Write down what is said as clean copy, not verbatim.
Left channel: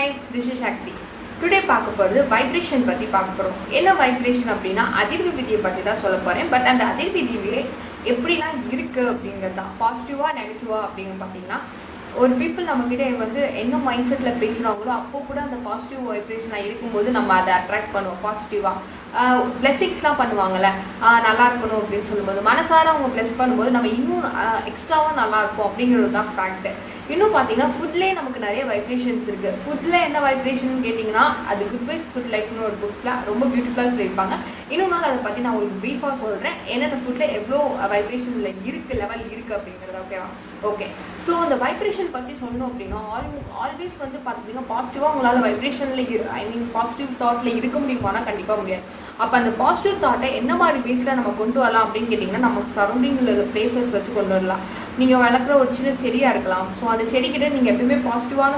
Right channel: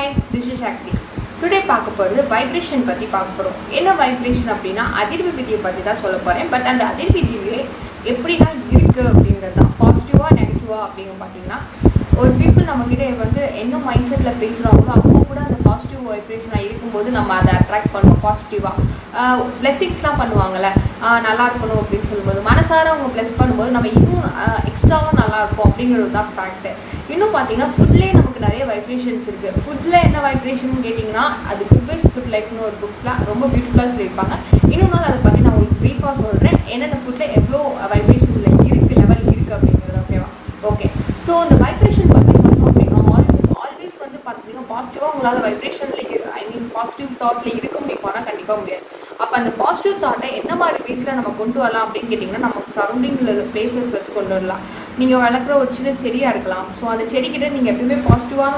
Hi, this is Shakti. Today பார்க்க போகிறது vibration பற்றி பார்க்க போகிறோம். என்ன வைப்ரேஷன் அப்படின்னா அதிர்வு விதியை பற்றி தான் சொல்ல போகிறேன். பட் அந்த அதிர்வு விதியே எப்படிலாம் இருக்குது அப்படிங்கிறது தான். பாசிட்டிவாக நெகட்டிவாக அப்படிங்க பார்த்தீங்கன்னா ஒரு பீப்புள் நம்மக்கிட்ட வந்து என்ன மைண்ட் செட்டில் பேசுகிறாங்களோ அப்போ கூட அந்த பாசிட்டிவ் வைப்ரேஷனாக இருக்கும்போது நம்ம அதை அட்ராக்ட் பண்ணுவோம். பாசிட்டிவாக பிளெஸிங்ஸ்லாம் பண்ணுவாங்கள்ல, நல்லா இருக்கணும் அப்படின்னு சொல்லும்போது மனசார அவங்க ப்ளெஸ் பண்ணும்போது நம்ம இன்னும் எக்ஸ்ட்ராவாக நல்லாயிருக்கும் அப்படிங்கிறது தான் ஃபேக்ட்டு. இன்னும் பார்த்தீங்கன்னா ஃபுட்லேயே நமக்கு நிறைய வைப்ரேஷன்ஸ் இருக்குது. ஃபுட்டில் என்ன வைப்ரேஷன் கேட்டிங்கன்னா அது குட் வைஸ் குட் லைஃப்னு ஒரு புக்ஸில் ரொம்ப பியூட்டிஃபுல்லாக சொல்லியிருப்பாங்க. இன்னொரு நாள் அதை பற்றி நான் உங்களுக்கு ப்ரீஃபாக சொல்கிறேன். என்னென்ன ஃபுட்டில் எவ்வளோ வைப்ரேஷனில் இருக்குது, லெவல் இருக்குது அப்படிங்கிறது. ஓகேவா? ஓகே. ஸோ இந்த வைப்ரேஷன் பற்றி சொல்லணும் அப்படின்னா ஆல்வேஸ் வந்து பார்த்தீங்கன்னா பாசிட்டிவாக உங்களால் வைப்ரேஷனில் பாசிட்டிவ் தாட்டில் இருக்க முடியுமானா கண்டிப்பாக முடியாது. அப்போ அந்த பாசிட்டிவ் தாட்டை என்ன மாதிரி பேஸில் நம்ம கொண்டு வரலாம் அப்படின்னு கேட்டிங்கன்னா நமக்கு சரௌண்டிங்கில் உள்ள பிளேசஸ் வச்சு கொண்டு வரலாம். நீங்கள் வளர்க்குற ஒரு சின்ன செடியாக இருக்கலாம். ஸோ அந்த செடிக்கிட்ட நீங்கள் எப்பயுமே பாசிட்டிவான